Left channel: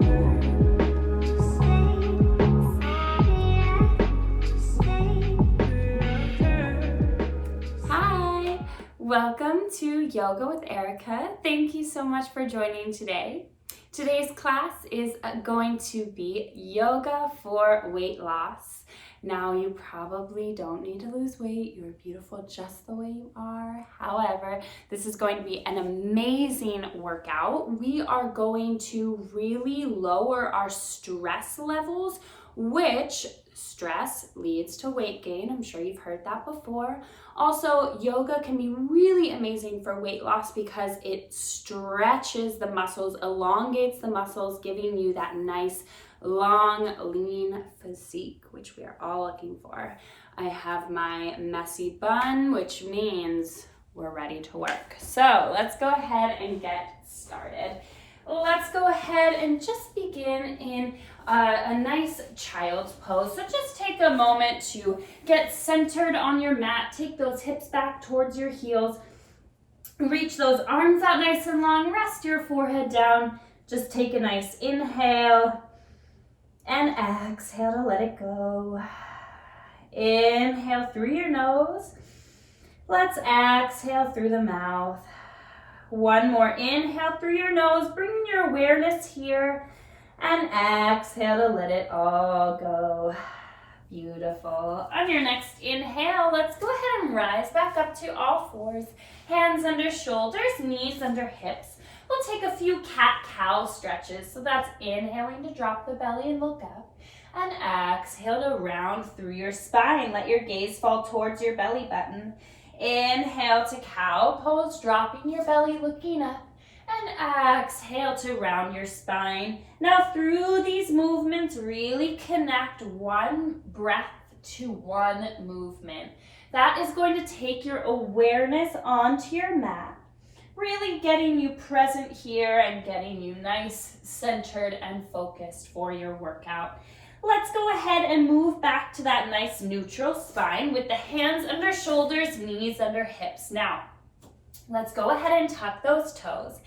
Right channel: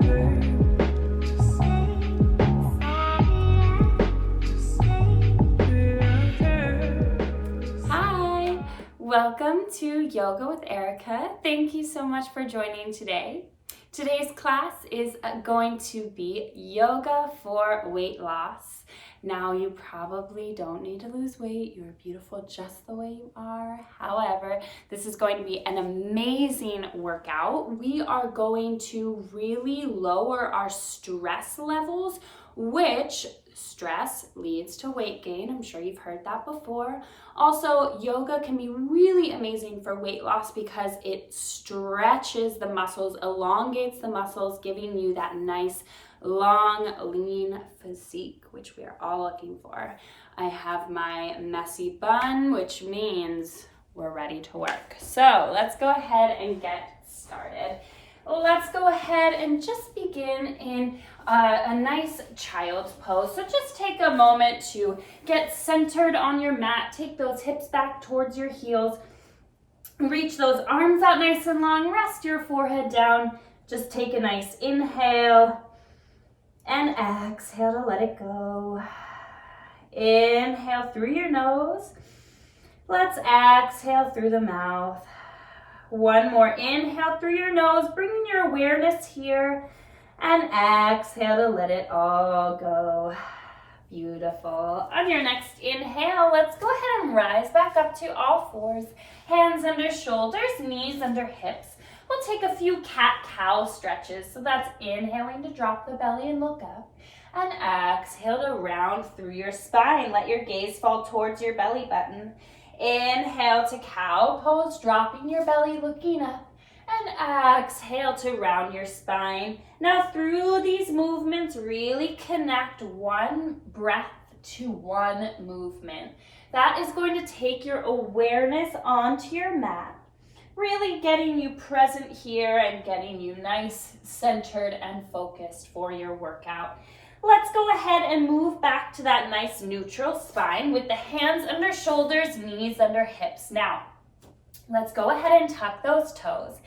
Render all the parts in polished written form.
Hi, welcome to Yoga with Erica. Thank you so much for joining today. Today's class is going to be yoga for weight loss. Now, you probably don't need to lose weight. You're beautiful just the way you are. However, this is going to be an amazing workout. We are going to really lower our stress levels, which stress leads to weight gain. I'm sure you've heard that before. Also, yoga can be really amazing for weight loss because it stretches the muscles, elongates the muscles, giving you that nice, long, lean physique, which we are all looking for. I have my messy bun, which means we're ready to work. So let's go ahead and get started. Let's go ahead and just begin in a nice child's pose. So just take a moment to get centered on your mat. Take those hips back towards your heels. Reach those arms out nice and long. Rest your forehead down. Just take a nice inhale and exhale to let it go. Inhale through your nose. Let's exhale through the mouth. One more inhale through your nose, bringing your awareness here, and exhale to let it all go. Beautiful. On your next inhale, let's go ahead and rise back up to all fours. Hands under shoulders, knees under hips. We'll take a few cat-cow stretches. So that's inhaling to drop the belly and look up. And exhale to round through your spine. Let your gaze fall towards your belly button. Inhale to cow pose, dropping your belly, looking up. And exhale to round your spine. Now through these movements, really connect one breath to one movement. That is going to take your awareness onto your mat, really getting you present here and getting you nice, centered, and focused for your workout. Let's go ahead and move back to that nice neutral spine with the hands under shoulders, knees under hips. Now, let's go ahead and tuck those toes.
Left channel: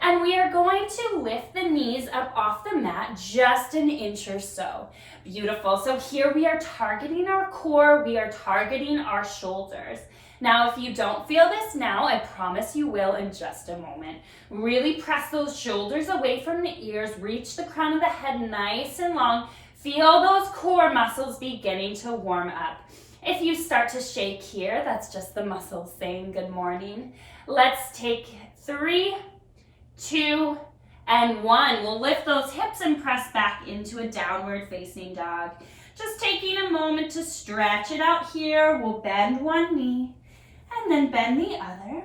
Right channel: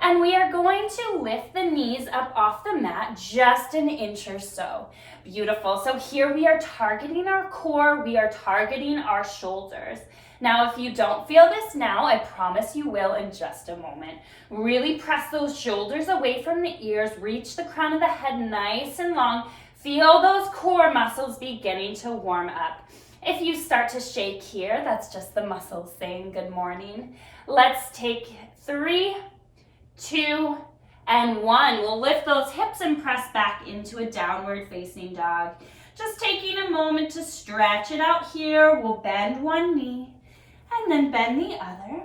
And we are going to lift the knees up off the mat just an inch or so. Beautiful. So here we are targeting our core. We are targeting our shoulders. Now, if you don't feel this now, I promise you will in just a moment. Really press those shoulders away from the ears. Reach the crown of the head nice and long. Feel those core muscles beginning to warm up. If you start to shake here, that's just the muscles saying good morning. Let's take 3, 2, and 1. We'll lift those hips and press back into a downward facing dog. Just taking a moment to stretch it out here. We'll bend one knee and then bend the other.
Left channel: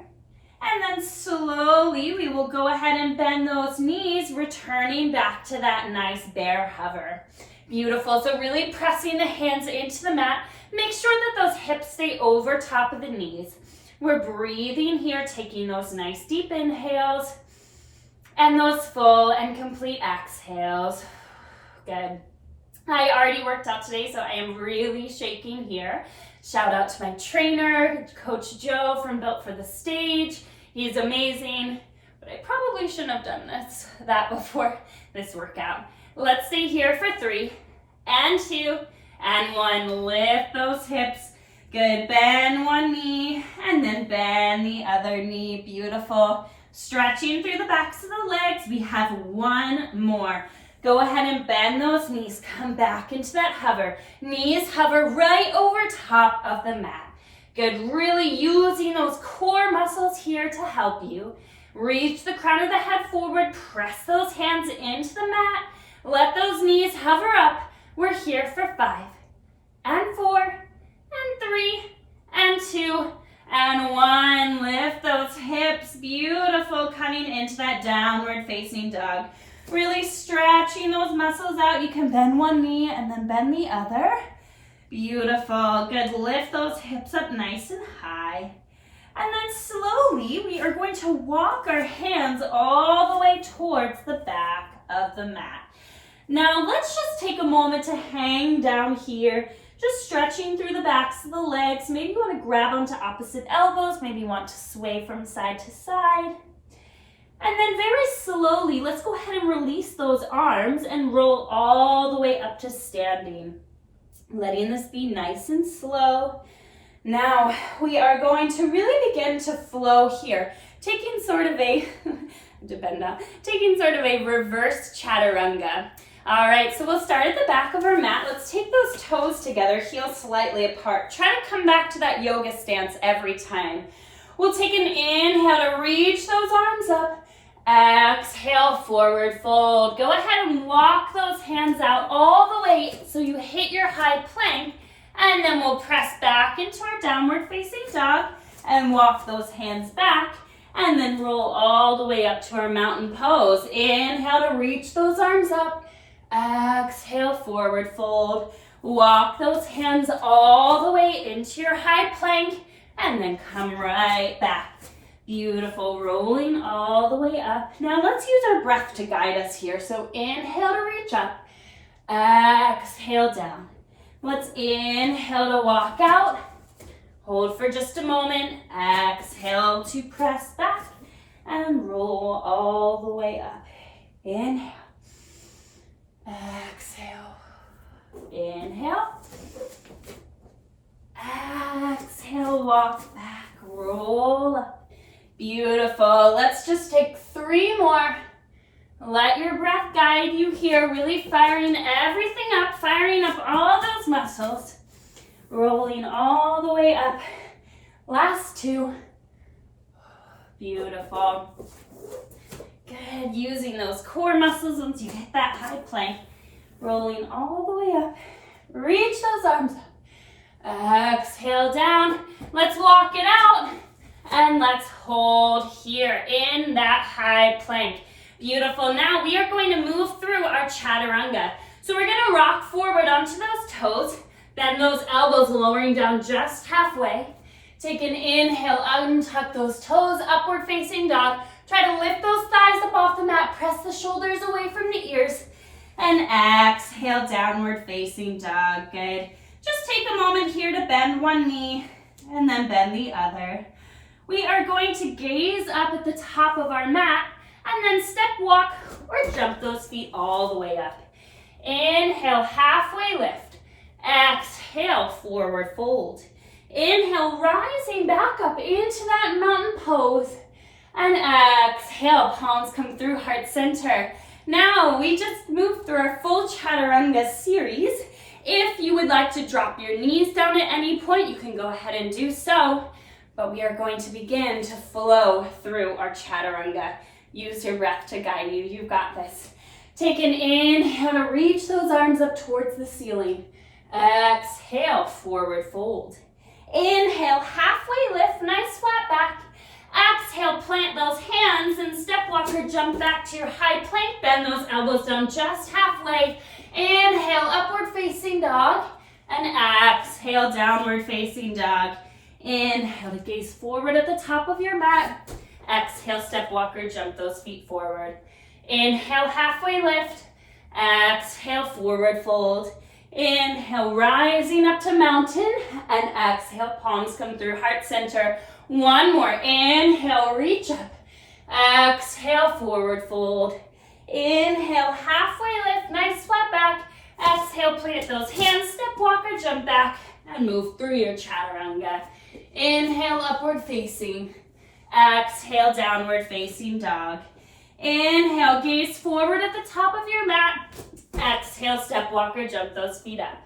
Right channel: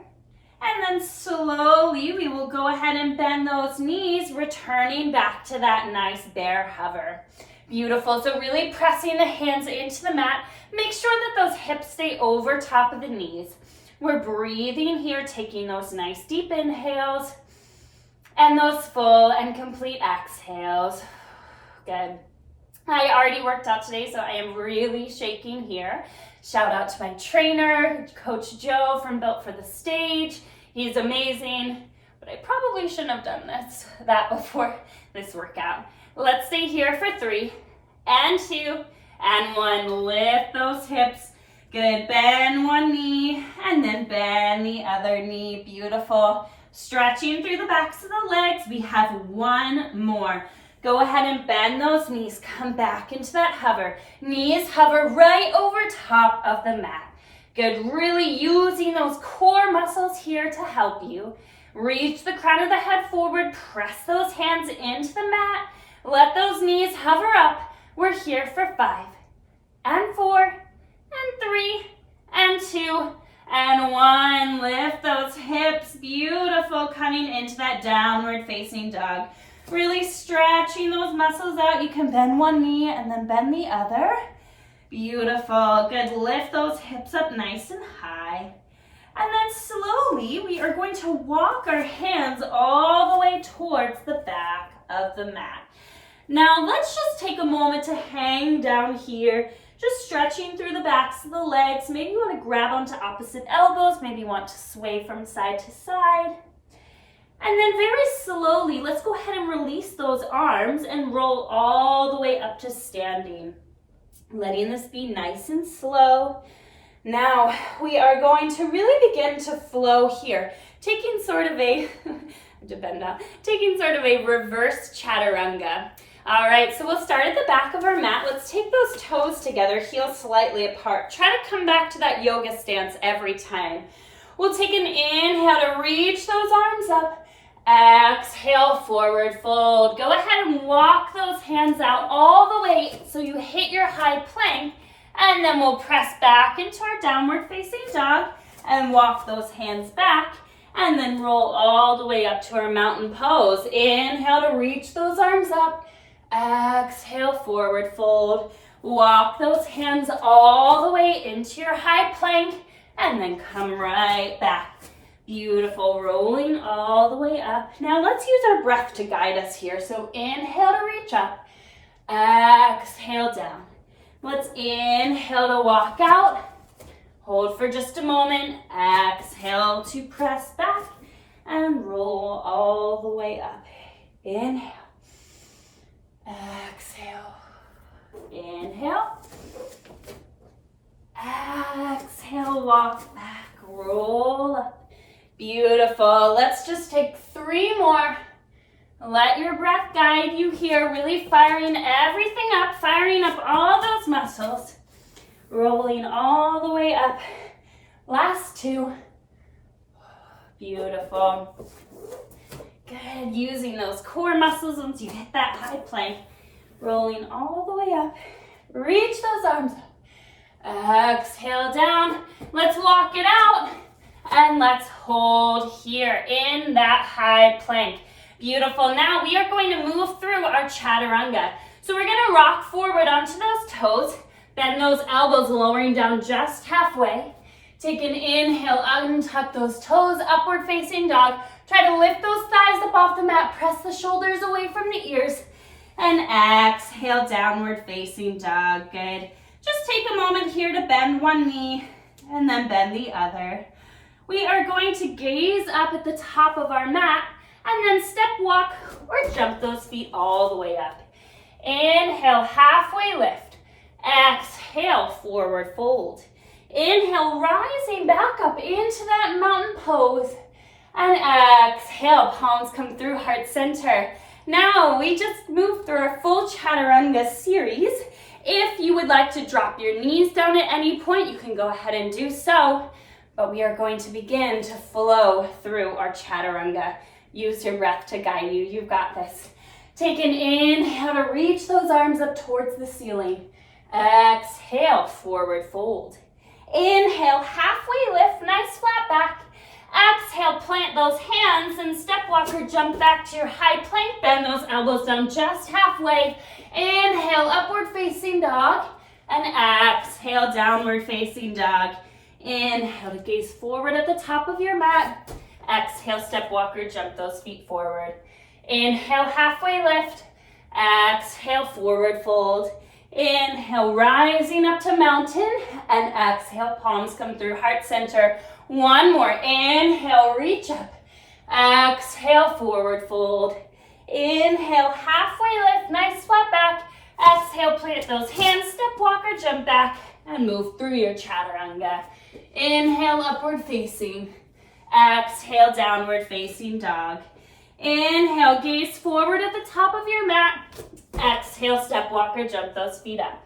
And then slowly we will go ahead and bend those knees, returning back to that nice bear hover. Beautiful. So really pressing the hands into the mat. Make sure that those hips stay over top of the knees. We're breathing here, taking those nice deep inhales and those full and complete exhales. Good. I already worked out today, so I am really shaking here. Shout out to my trainer, Coach Joe from Built for the Stage. He's amazing, but I probably shouldn't have done that before this workout. Let's stay here for 3 and 2 and 1. Lift those hips. Good. Bend one knee and then bend the other knee. Beautiful. Stretching through the backs of the legs. We have one more. Go ahead and bend those knees. Come back into that hover. Knees hover right over top of the mat. Good. Really using those core muscles here to help you. Reach the crown of the head forward. Press those hands into the mat. Let those knees hover up. We're here for 5 and 4 and 3 and 2 and 1. Lift those hips. Beautiful. Coming into that downward facing dog. Really stretching those muscles out. You can bend one knee and then bend the other. Beautiful. Good. Lift those hips up nice and high. And then slowly we are going to walk our hands all the way towards the back of the mat. Now let's just take a moment to hang down here, just stretching through the backs of the legs. Maybe you want to grab onto opposite elbows, maybe you want to sway from side to side. And then very slowly, let's go ahead and release those arms and roll all the way up to standing. Letting this be nice and slow. Now, we are going to really begin to flow here, taking sort of a, taking sort of a reverse chaturanga. All right, so we'll start at the back of our mat. Let's take those toes together, heels slightly apart. Try to come back to that yoga stance every time. We'll take an inhale to reach those arms up. Exhale, forward fold. Go ahead and walk those hands out all the way so you hit your high plank, and then we'll press back into our downward facing dog and walk those hands back, and then roll all the way up to our mountain pose. Inhale to reach those arms up. Exhale, forward fold. Walk those hands all the way into your high plank, and then come right back. Beautiful, rolling all the way up. Now let's use our breath to guide us here. So inhale to reach up, exhale down. Let's inhale to walk out. Hold for just a moment. Exhale to press back and roll all the way up. Inhale, exhale, inhale, exhale, walk back, roll up. Beautiful. Let's just take 3 more. Let your breath guide you here, really firing everything up, firing up all those muscles, rolling all the way up. Last 2. Beautiful. Good. Using those core muscles once you hit that high plank, rolling all the way up. Reach those arms up. Exhale down. Let's walk it out. And let's hold here in that high plank. Beautiful. Now we are going to move through our chaturanga. So we're going to rock forward onto those toes. Bend those elbows, lowering down just halfway. Take an inhale, untuck those toes, upward facing dog. Try to lift those thighs up off the mat. Press the shoulders away from the ears. And exhale, downward facing dog. Good. Just take a moment here to bend one knee and then bend the other. We are going to gaze up at the top of our mat and then step walk or jump those feet all the way up. Inhale, halfway lift. Exhale, forward fold. Inhale, rising back up into that mountain pose. And exhale, palms come through heart center. Now we just moved through our full chaturanga series. If you would like to drop your knees down at any point, you can go ahead and do so. But we are going to begin to flow through our chaturanga. Use your breath to guide you. You've got this. Take an inhale to reach those arms up towards the ceiling. Exhale, forward fold. Inhale, halfway lift, nice flat back. Exhale, plant those hands and step walker, jump back to your high plank. Bend those elbows down just halfway. Inhale, upward facing dog. And exhale, downward facing dog. Inhale to gaze forward at the top of your mat. Exhale, step walker, jump those feet forward. Inhale, halfway lift. Exhale, forward fold. Inhale, rising up to mountain. And exhale, palms come through heart center. One more. Inhale, reach up. Exhale, forward fold. Inhale, halfway lift, nice flat back. Exhale, plant those hands, step walker, jump back, and move through your chaturanga. Inhale, upward facing. Exhale, downward facing dog. Inhale, gaze forward at the top of your mat. Exhale, step walker, jump those feet up.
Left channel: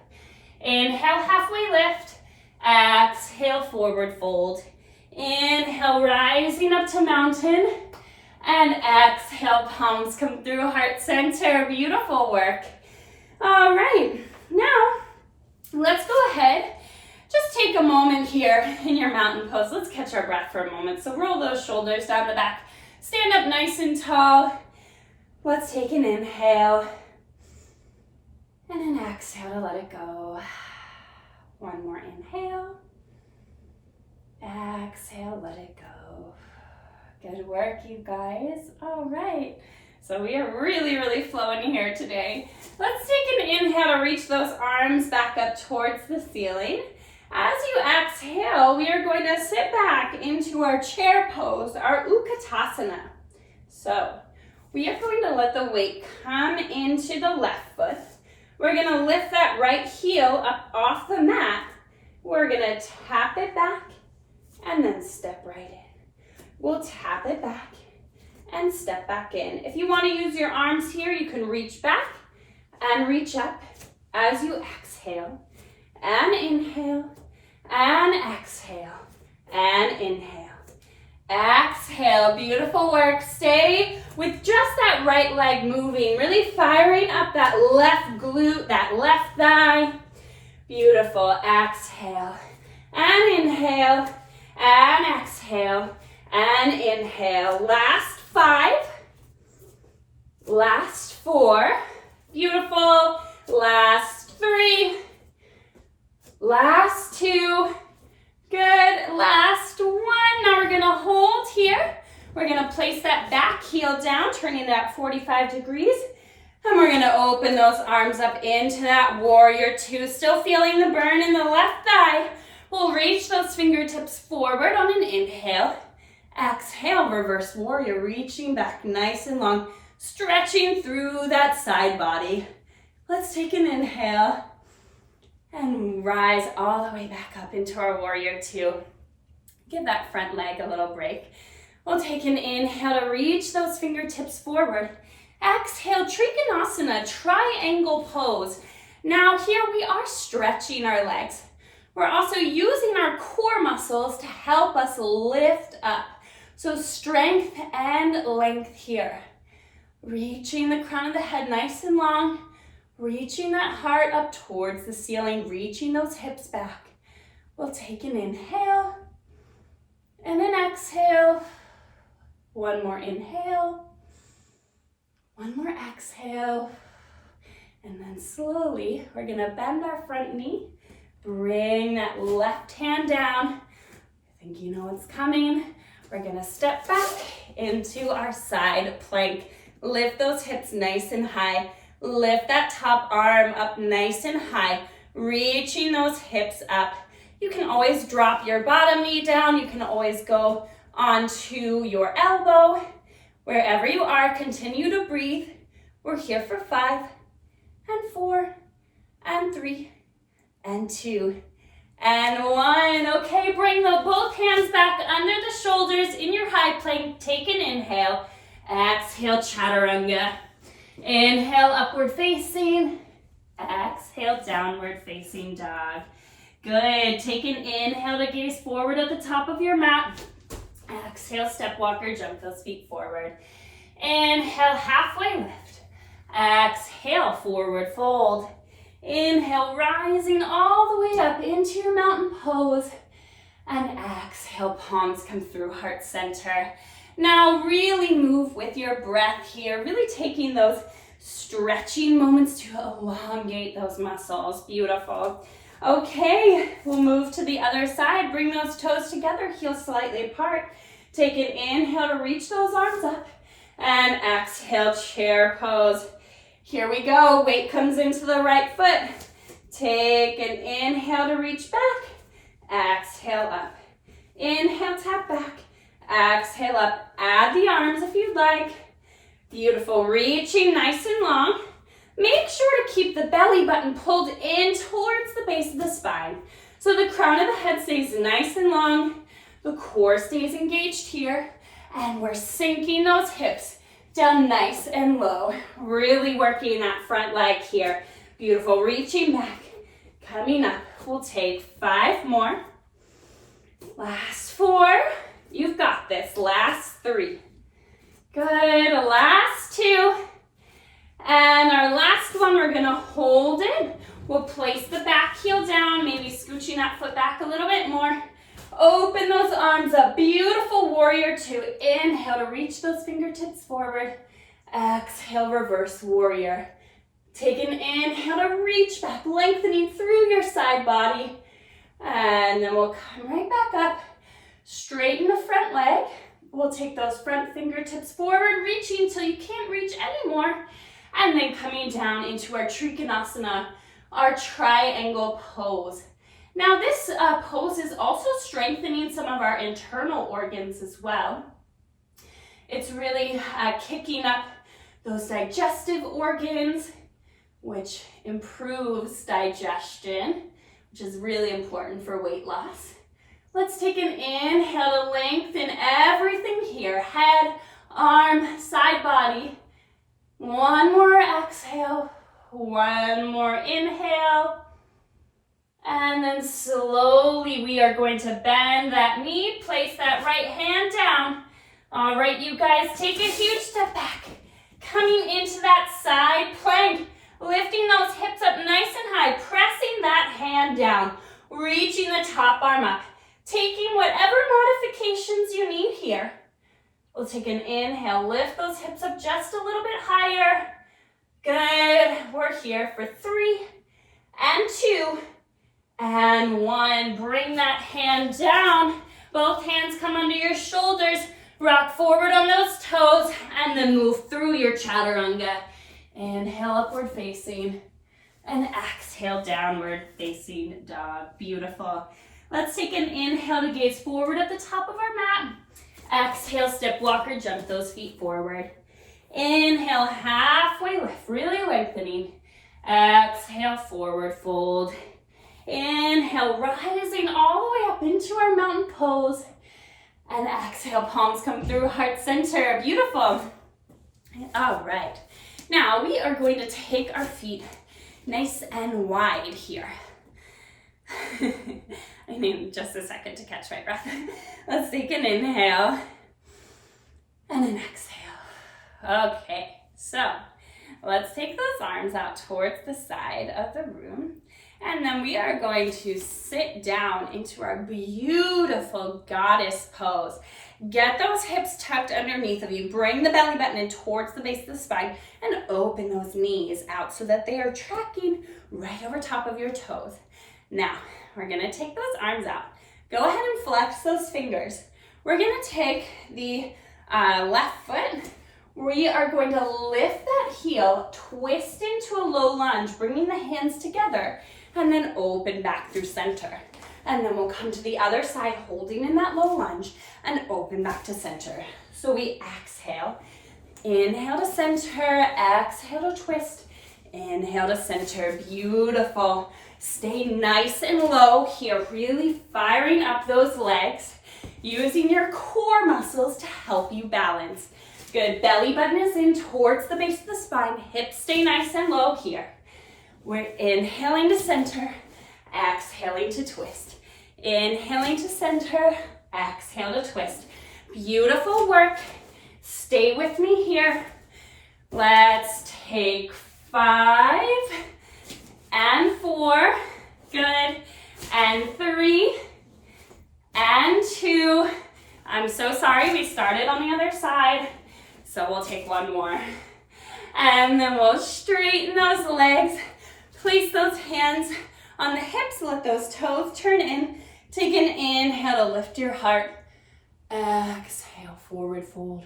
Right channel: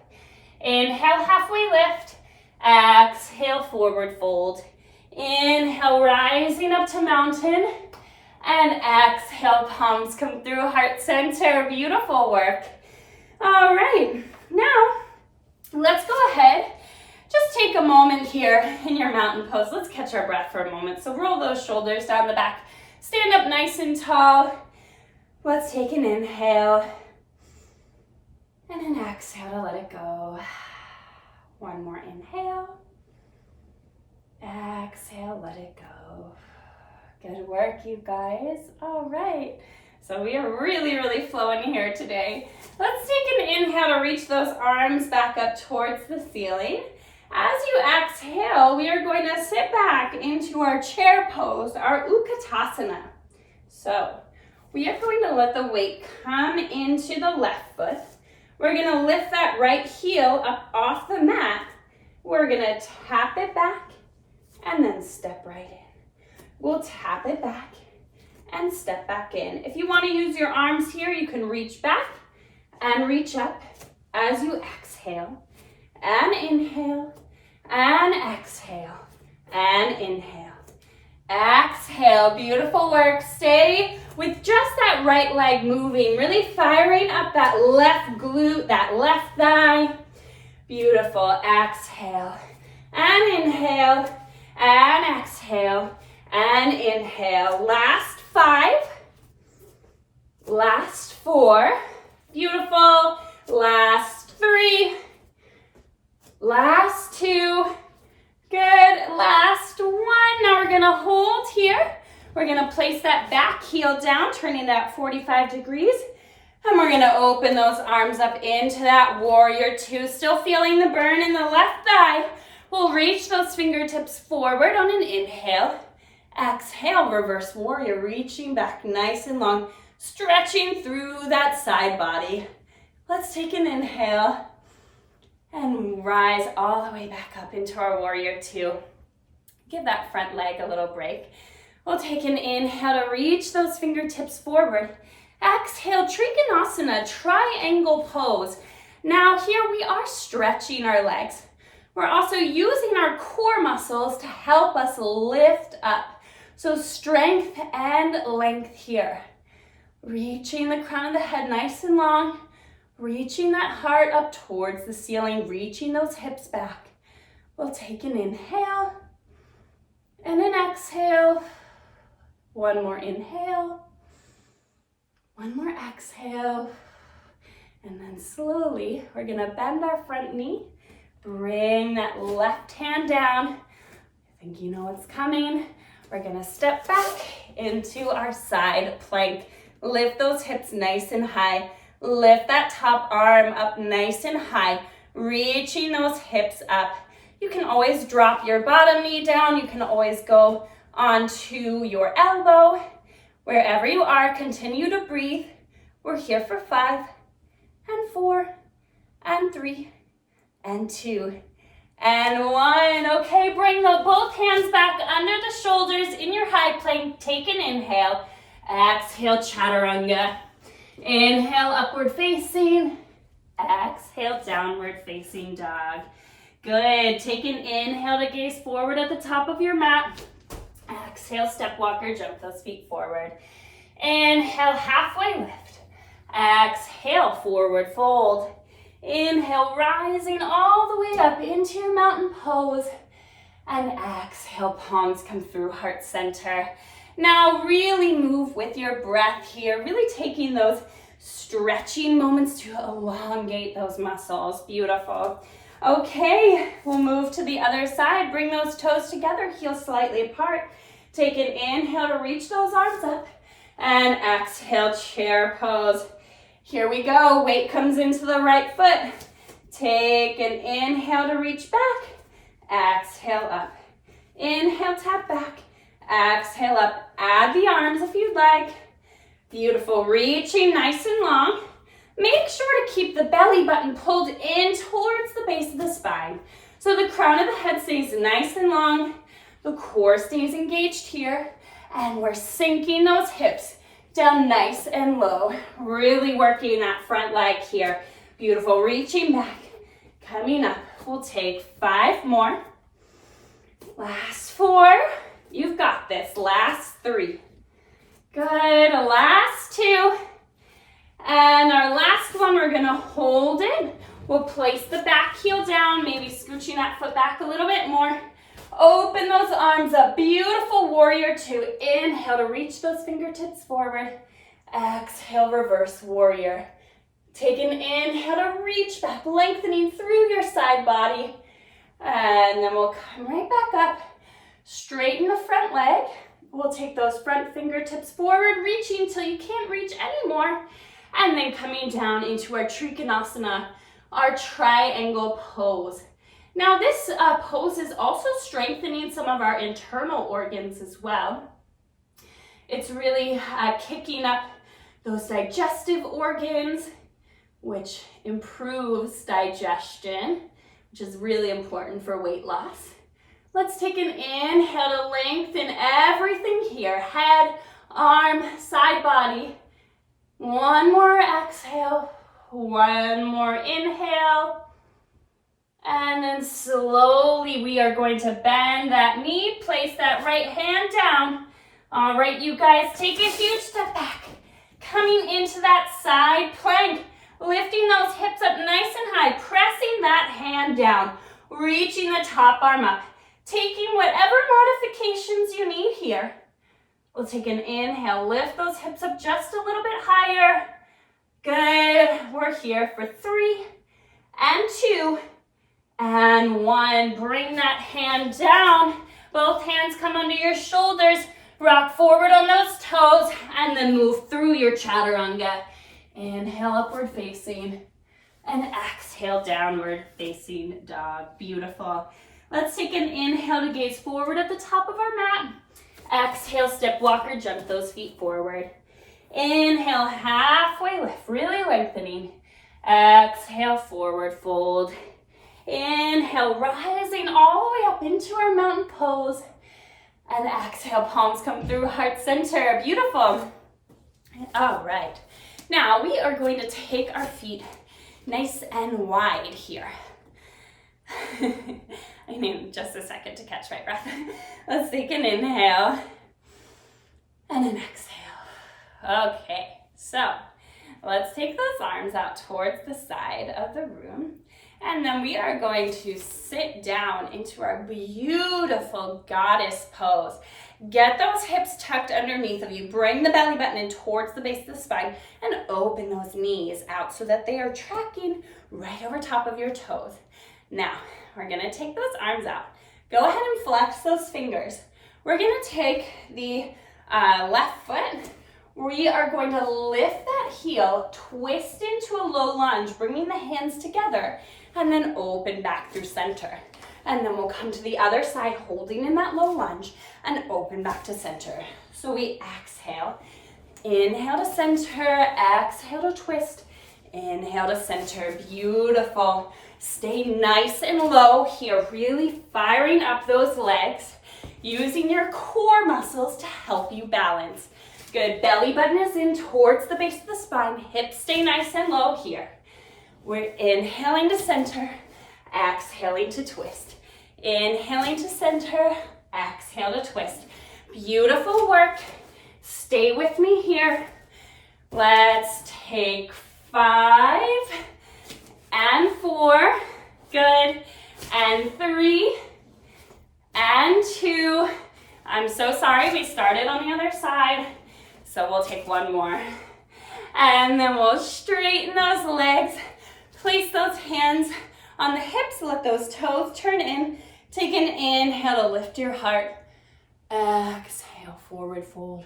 Inhale, halfway lift. Exhale, forward fold. Inhale, rising up to mountain. And exhale, palms come through heart center. Beautiful work. All right, now let's go ahead. Just take a moment here in your mountain pose. Let's catch our breath for a moment. So roll those shoulders down the back. Stand up nice and tall. Let's take an inhale and an exhale to let it go. One more inhale. Exhale, let it go. Good work, you guys. All right. So we are really flowing here today. Let's take an inhale to reach those arms back up towards the ceiling. As you exhale, we are going to sit back into our chair pose, our Utkatasana. So we are going to let the weight come into the left foot. We're going to lift that right heel up off the mat. We're going to tap it back and then step right in. We'll tap it back and step back in. If you want to use your arms here, you can reach back and reach up as you exhale and inhale and exhale and inhale. Exhale, beautiful work. Stay with just that right leg moving, really firing up that left glute, that left thigh. Beautiful. Exhale and inhale and exhale and inhale. Last 5. Last 4. Beautiful. Last 3. Last 2. Good. Last 1. Now we're going to hold here. We're going to place that back heel down, turning that 45 degrees. And we're going to open those arms up into that warrior 2. Still feeling the burn in the left thigh. We'll reach those fingertips forward on an inhale. Exhale, reverse warrior, reaching back nice and long, stretching through that side body. Let's take an inhale and rise all the way back up into our warrior 2. Give that front leg a little break. We'll take an inhale to reach those fingertips forward. Exhale, Trikonasana, triangle pose. Now here we are stretching our legs. We're also using our core muscles to help us lift up. So strength and length here. Reaching the crown of the head nice and long. Reaching that heart up towards the ceiling. Reaching those hips back. We'll take an inhale and an exhale. One more inhale. One more exhale. And then slowly, we're going to bend our front knee. Bring that left hand down. I think you know what's coming. We're going to step back into our side plank. Lift those hips nice and high. Lift that top arm up nice and high. Reaching those hips up. You can always drop your bottom knee down. You can always go onto your elbow. Wherever you are, continue to breathe. We're here for 5 and 4 and 3 and 2 and 1. Okay, bring both hands back under the shoulders in your high plank. Take an inhale. Exhale, chaturanga. Inhale, upward facing. Exhale, downward facing dog. Good. Take an inhale to gaze forward at the top of your mat. Exhale, step walker, jump those feet forward. Inhale, halfway lift. Exhale, forward fold. Inhale, rising all the way up into your mountain pose. And exhale, palms come through heart center. Now really move with your breath here, really taking those stretching moments to elongate those muscles. Beautiful. Okay, we'll move to the other side. Bring those toes together, heels slightly apart. Take an inhale to reach those arms up. And exhale, chair pose. Here we go. Weight comes into the right foot. Take an inhale to reach back. Exhale up. Inhale, tap back. Exhale up. Add the arms if you'd like. Beautiful. Reaching nice and long. Make sure to keep the belly button pulled in towards the base of the spine. So the crown of the head stays nice and long. The core stays engaged here. And we're sinking those hips down nice and low. Really working that front leg here. Beautiful. Reaching back. Coming up. We'll take 5 more. Last 4. You've got this. Last 3. Good. Last 2. And our last one, we're going to hold it. We'll place the back heel down, maybe scooching that foot back a little bit more. Open those arms up. Beautiful warrior 2. Inhale to reach those fingertips forward. Exhale, reverse warrior. Take an inhale to reach back, lengthening through your side body. And then we'll come right back up. Straighten the front leg. We'll take those front fingertips forward, reaching until you can't reach anymore. And then coming down into our Trikonasana, our triangle pose. Now this pose is also strengthening some of our internal organs as well. It's really kicking up those digestive organs, which improves digestion, which is really important for weight loss. Let's take an inhale to lengthen everything here. Head, arm, side body. One more exhale. One more inhale. And then slowly we are going to bend that knee. Place that right hand down. All right, you guys, take a huge step back. Coming into that side plank. Lifting those hips up nice and high. Pressing that hand down. Reaching the top arm up. Taking whatever modifications you need here. We'll take an inhale, lift those hips up just a little bit higher. Good, we're here for 3 and 2 and 1. Bring that hand down. Both hands come under your shoulders. Rock forward on those toes and then move through your chaturanga. Inhale, upward facing, and exhale, downward facing dog. Beautiful. Let's take an inhale to gaze forward at the top of our mat. Exhale, step walker, jump those feet forward. Inhale, halfway lift, really lengthening. Exhale, forward fold. Inhale, rising all the way up into our mountain pose. And exhale, palms come through heart center. Beautiful. All right. Now we are going to take our feet nice and wide here. I need just a second to catch my breath. Let's take an inhale and an exhale. Okay, so let's take those arms out towards the side of the room. And then we are going to sit down into our beautiful goddess pose. Get those hips tucked underneath of you. Bring the belly button in towards the base of the spine and open those knees out so that they are tracking right over top of your toes. Now, we're gonna take those arms out. Go ahead and flex those fingers. We're gonna take the left foot. We are going to lift that heel, twist into a low lunge, bringing the hands together, and then open back through center. And then we'll come to the other side, holding in that low lunge, and open back to center. So we exhale, inhale to center, exhale to twist, inhale to center. Beautiful. Stay nice and low here, really firing up those legs, using your core muscles to help you balance. Good, belly button is in towards the base of the spine, hips stay nice and low here. We're inhaling to center, exhaling to twist. Inhaling to center, exhale to twist. Beautiful work. Stay with me here. Let's take 5 and 4. Good. And 3 and 2. I'm so sorry, we started on the other side. So we'll take one more. And then we'll straighten those legs. Place those hands on the hips. Let those toes turn in. Take an inhale to lift your heart. Exhale, forward fold.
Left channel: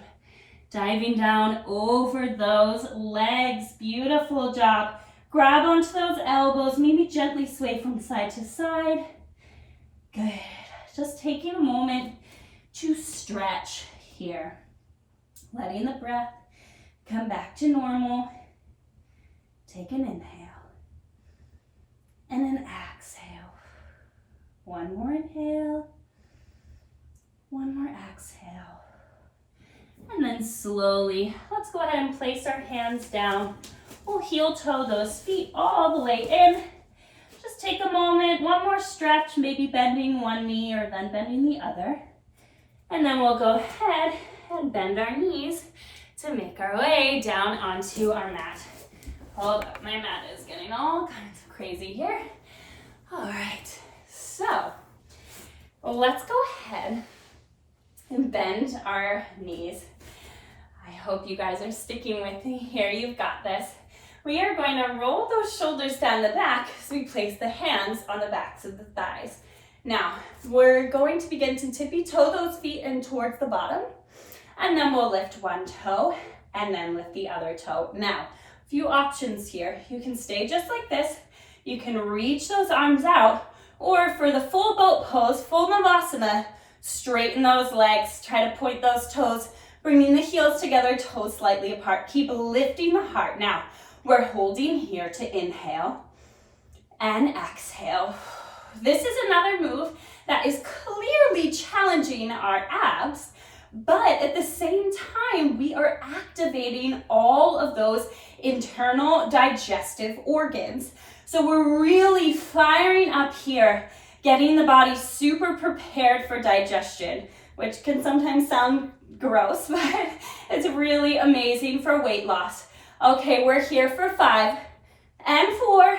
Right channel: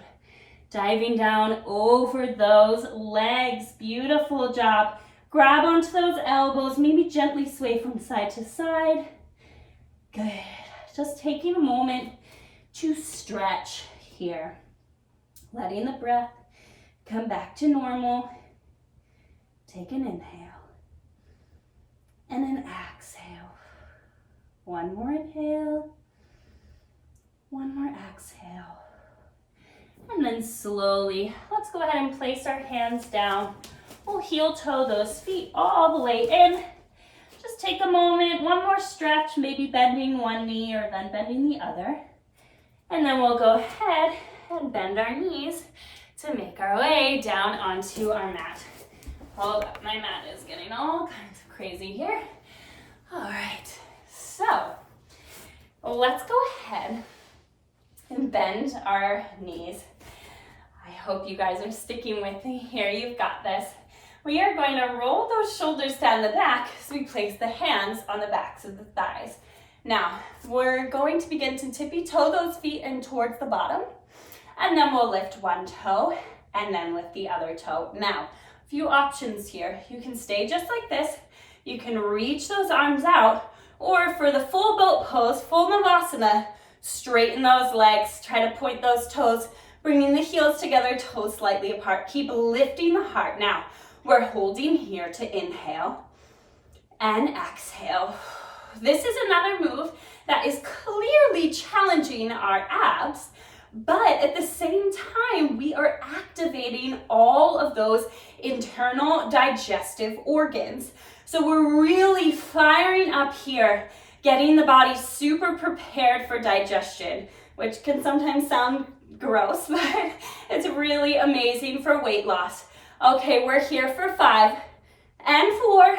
Diving down over those legs. Beautiful job. Grab onto those elbows. Maybe gently sway from side to side. Good. Just taking a moment to stretch here. Letting the breath come back to normal. Take an inhale. And an exhale. One more inhale. One more exhale. And then slowly, let's go ahead and place our hands down. We'll heel toe those feet all the way in. Just take a moment, one more stretch, maybe bending one knee or then bending the other. And then we'll go ahead and bend our knees to make our way down onto our mat. Hold up, my mat is getting all kinds of crazy here. All right, so let's go ahead and bend our knees. I hope you guys are sticking with me here. You've got this. We are going to roll those shoulders down the back as we place the hands on the backs of the thighs. Now, we're going to begin to tippy toe those feet in towards the bottom, and then we'll lift one toe and then lift the other toe. Now, a few options here. You can stay just like this. You can reach those arms out, or for the full boat pose, full Navasana, straighten those legs, try to point those toes, Bringing the heels together, toes slightly apart. Keep lifting the heart. Now, we're holding here to inhale and exhale. This is another move that is clearly challenging our abs, but at the same time, we are activating all of those internal digestive organs. So we're really firing up here, getting the body super prepared for digestion, which can sometimes sound gross, but it's really amazing for weight loss. Okay, we're here for 5 and 4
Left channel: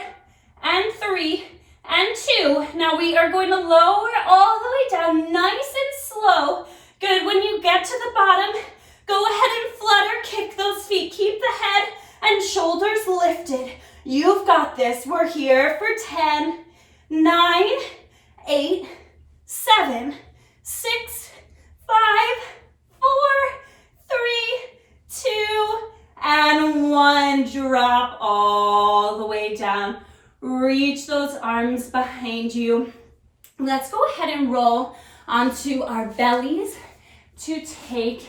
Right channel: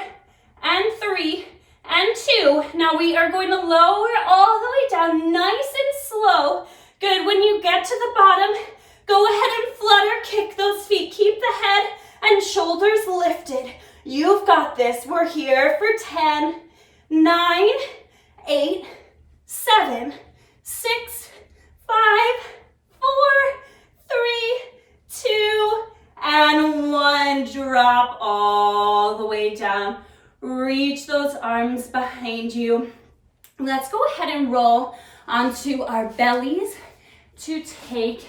and 3 and 2. Now we are going to lower all the way down, nice and slow. Good, when you get to the bottom, go ahead and flutter, kick those feet. Keep the head and shoulders lifted. You've got this. We're here for 10, 9, 8, 7, 6, 5, 4, 3, 2, and 1. Drop all the way down. Reach those arms behind you. Let's go ahead and roll onto our bellies to take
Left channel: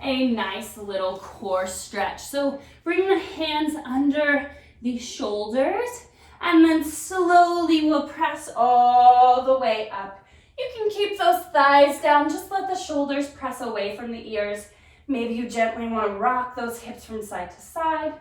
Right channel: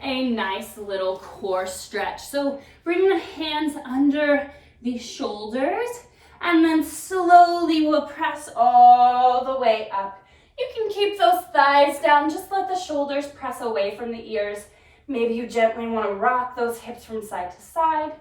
a nice little core stretch. So bring the hands under the shoulders and then slowly we'll press all the way up. You can keep those thighs down, just let the shoulders press away from the ears. Maybe you gently want to rock those hips from side to side,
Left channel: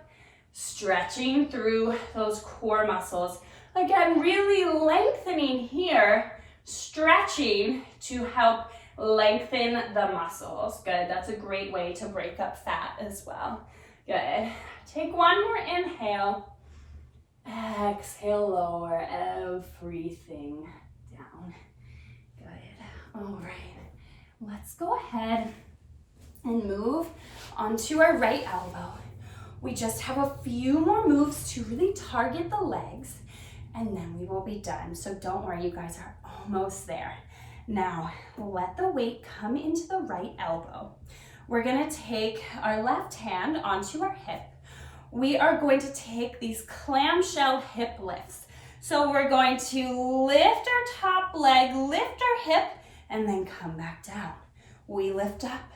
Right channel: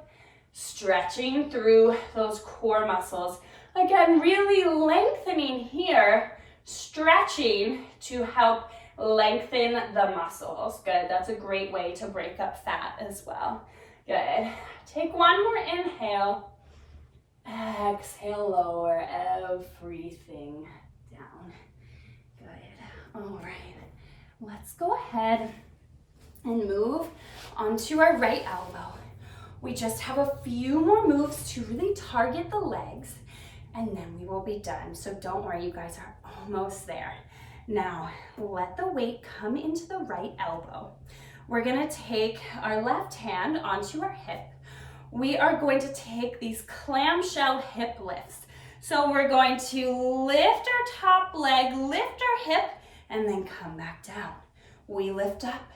stretching through those core muscles. Again, really lengthening here, stretching to help lengthen the muscles. Good, that's a great way to break up fat as well. Good, take one more inhale. Exhale, lower everything down. Good, all right. Let's go ahead and move onto our right elbow. We just have a few more moves to really target the legs and then we will be done. So don't worry, you guys are almost there. Now, let the weight come into the right elbow. We're gonna take our left hand onto our hip. We are going to take these clamshell hip lifts. So we're going to lift our top leg, lift our hip, and then come back down. We lift up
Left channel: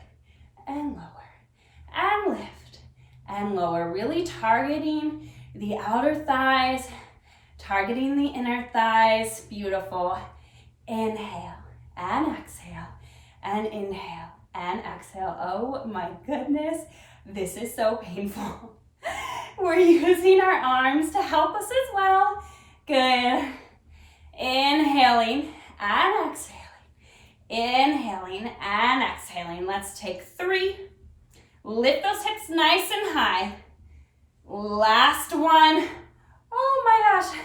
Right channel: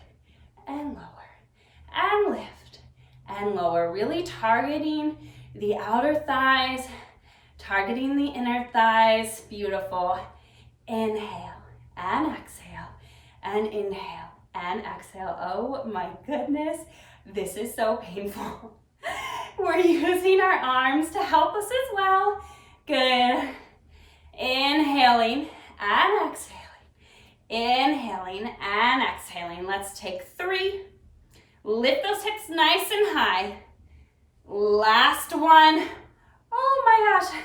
and lower, and lift and lower, really targeting the outer thighs, targeting the inner thighs. Beautiful. Inhale and exhale, and inhale and exhale. Oh my goodness, this is so painful. We're using our arms to help us as well. Good. Inhaling and exhaling. Inhaling and exhaling. Let's take 3. Lift those hips nice and high. Last one. Oh my gosh.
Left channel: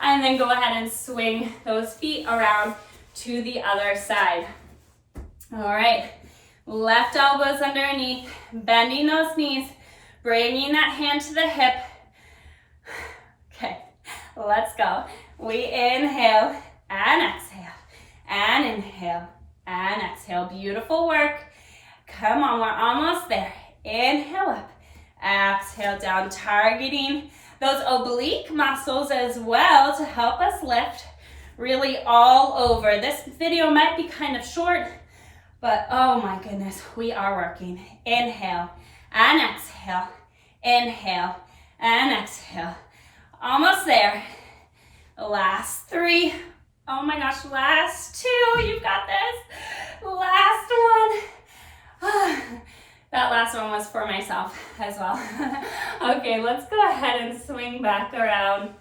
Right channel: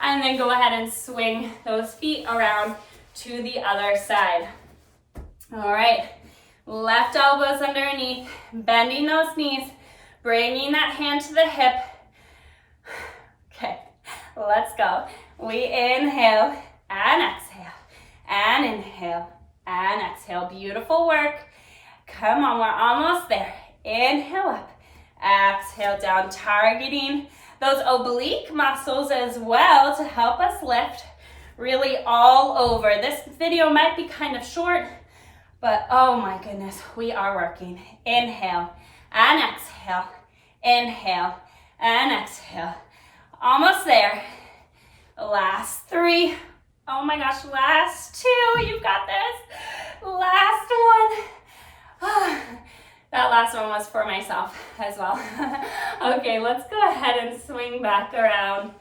And then go ahead and swing those feet around to the other side. All right. Left elbows underneath, bending those knees, bringing that hand to the hip. Okay, let's go. We inhale and exhale, and inhale and exhale. Beautiful work. Come on, we're almost there. Inhale up, exhale down, targeting those oblique muscles as well to help us lift really all over. This video might be kind of short, but oh my goodness, we are working. Inhale and exhale, inhale and exhale. Almost there. Last 3. Oh my gosh, last 2. You've got this. Last one. That last one was for myself as well. Okay, let's go ahead and swing back around.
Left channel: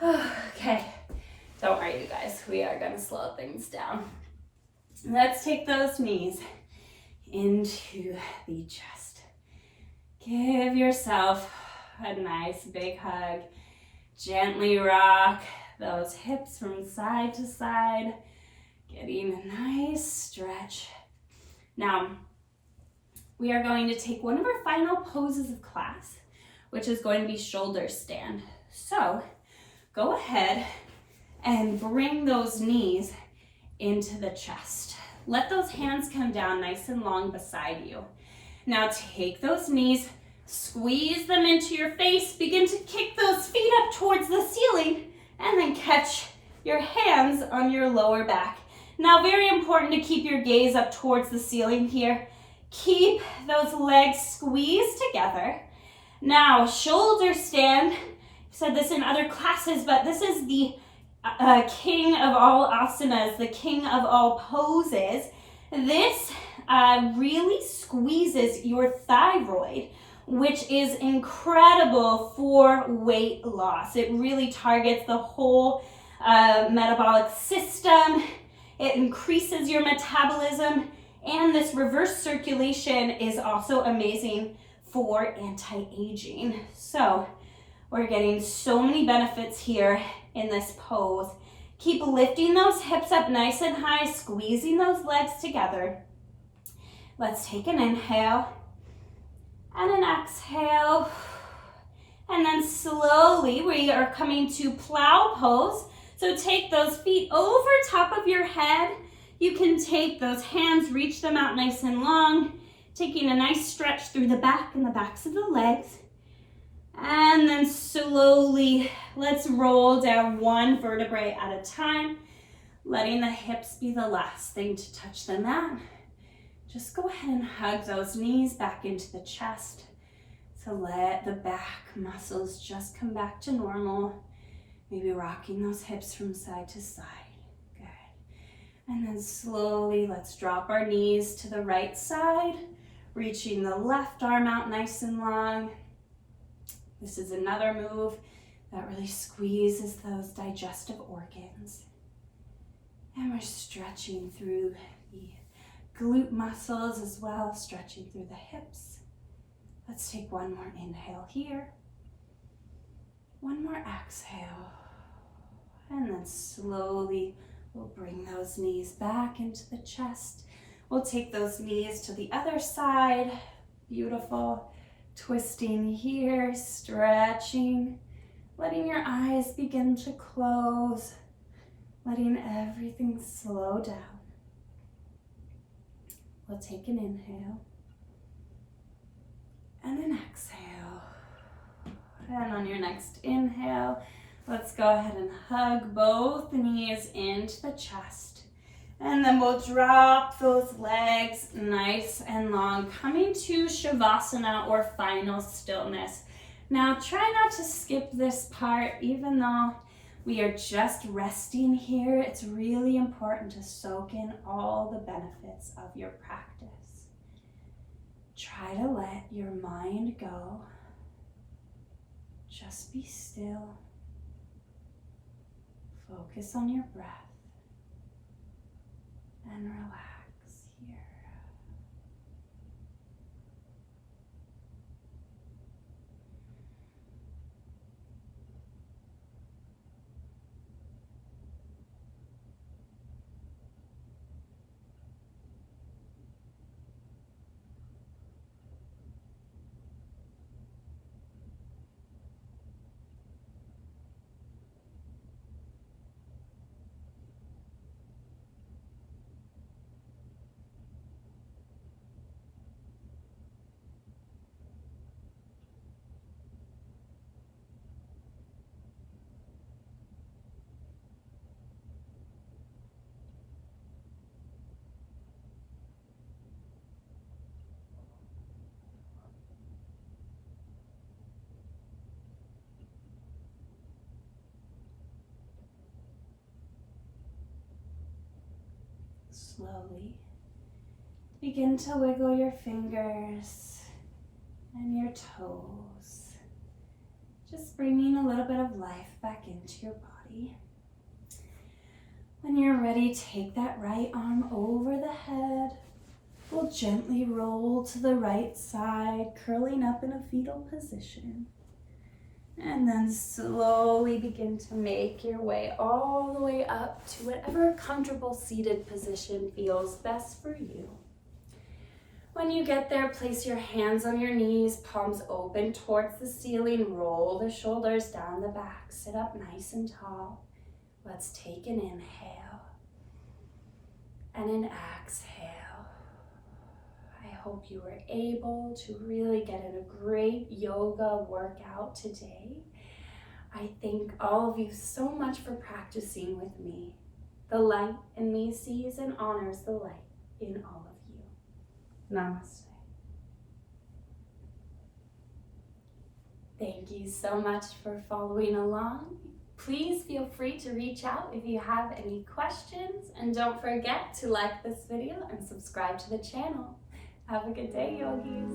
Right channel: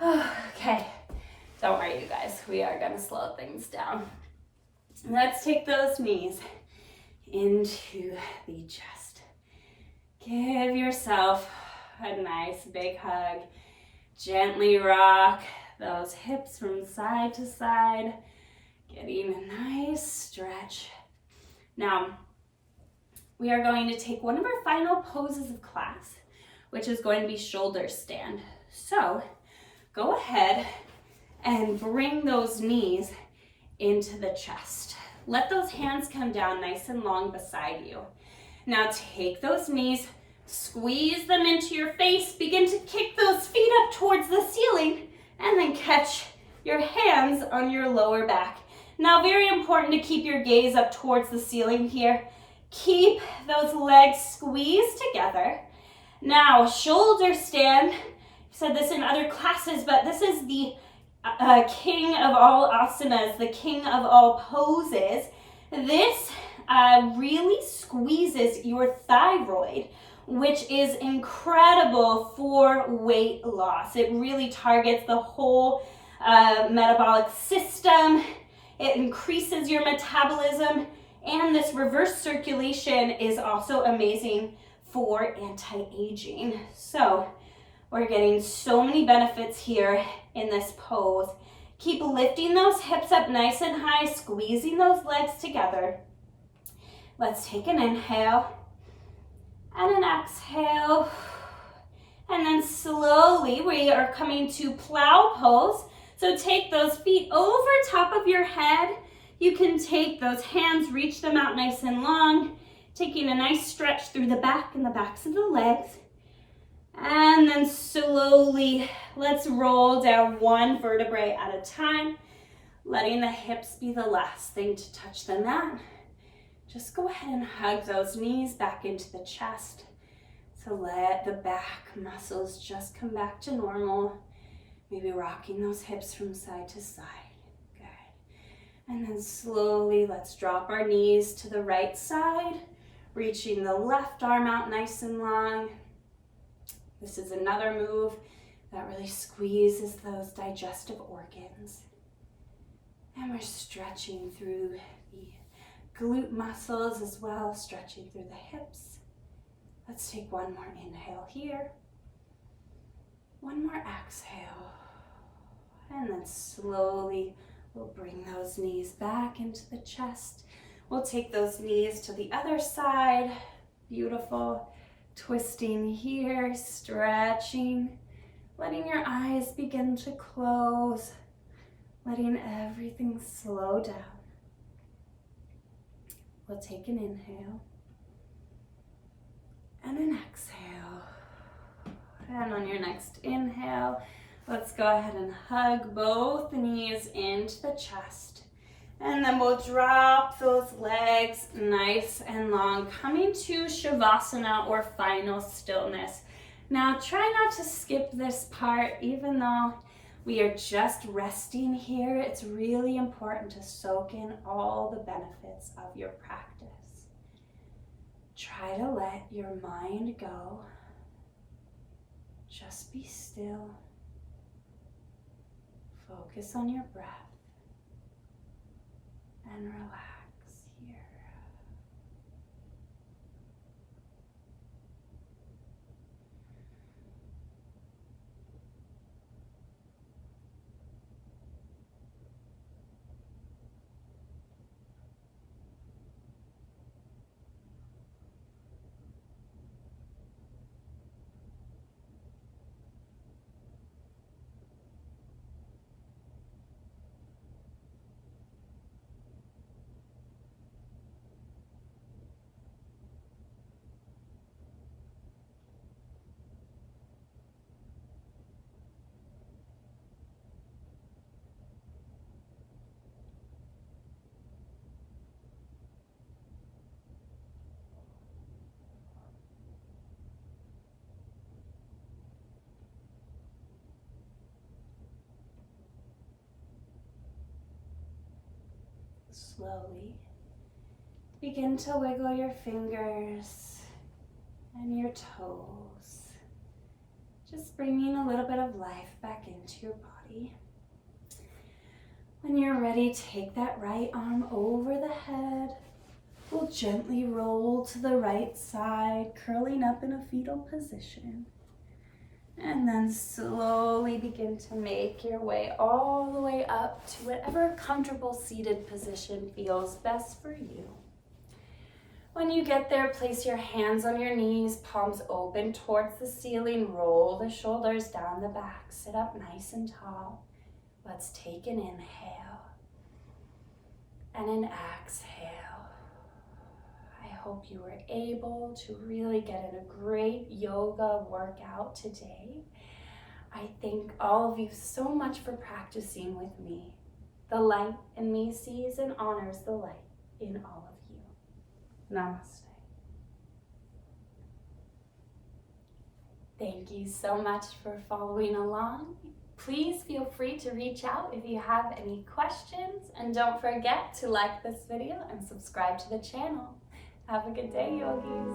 Okay, don't worry you guys, we are gonna slow things down. Let's take those knees into the chest. Give yourself a nice big hug. Gently rock those hips from side to side, getting a nice stretch. Now, we are going to take one of our final poses of class, which is going to be shoulder stand. So, go ahead and bring those knees into the chest. Let those hands come down nice and long beside you. Now take those knees, squeeze them into your face, begin to kick those feet up towards the ceiling, and then catch your hands on your lower back. Now very important to keep your gaze up towards the ceiling here. Keep those legs squeezed together. Now, shoulder stand. I've said this in other classes, but this is the king of all asanas, the king of all poses. This really squeezes your thyroid, which is incredible for weight loss. It really targets the whole metabolic system. It increases your metabolism, and this reverse circulation is also amazing for anti-aging. So we're getting so many benefits here in this pose. Keep lifting those hips up nice and high, squeezing those legs together. Let's take an inhale and an exhale. And then slowly we are coming to plow pose. So take those feet over top of your head. You can take those hands, reach them out nice and long, taking a nice stretch through the back and the backs of the legs. And then slowly, let's roll down one vertebrae at a time, letting the hips be the last thing to touch the mat. Just go ahead and hug those knees back into the chest to let the back muscles just come back to normal. Maybe rocking those hips from side to side. Good. And then slowly, let's drop our knees to the right side, reaching the left arm out nice and long. This is another move that really squeezes those digestive organs. And we're stretching through the glute muscles as well, stretching through the hips. Let's take one more inhale here. One more exhale. And then slowly we'll bring those knees back into the chest. We'll take those knees to the other side. Beautiful. Twisting here, stretching, letting your eyes begin to close, letting everything slow down. We'll take an inhale and an exhale. And on your next inhale, let's go ahead and hug both knees into the chest. And then we'll drop those legs nice and long, coming to Shavasana or final stillness. Now try not to skip this part, even though we are just resting here. It's really important to soak in all the benefits of your practice. Try to let your mind go. Just be still. Focus on your breath. And relax here. Slowly begin to wiggle your fingers and your toes, just bringing a little bit of life back into your body. When you're ready, take that right arm over the head. We'll gently roll to the right side, curling up in a fetal position. And then slowly begin to make your way all the way up to whatever comfortable seated position feels best for you. When you get there, place your hands on your knees, palms open towards the ceiling, roll the shoulders down the back, sit up nice and tall. Let's take an inhale and an exhale. I hope you were able to really get in a great yoga workout today. I thank all of you so much for practicing with me. The light in me sees and honors the light in all of you. Namaste. Thank you so much for following along. Please feel free to reach out if you have any questions, and don't forget to like this video and subscribe to the channel. Have a good day, yogis.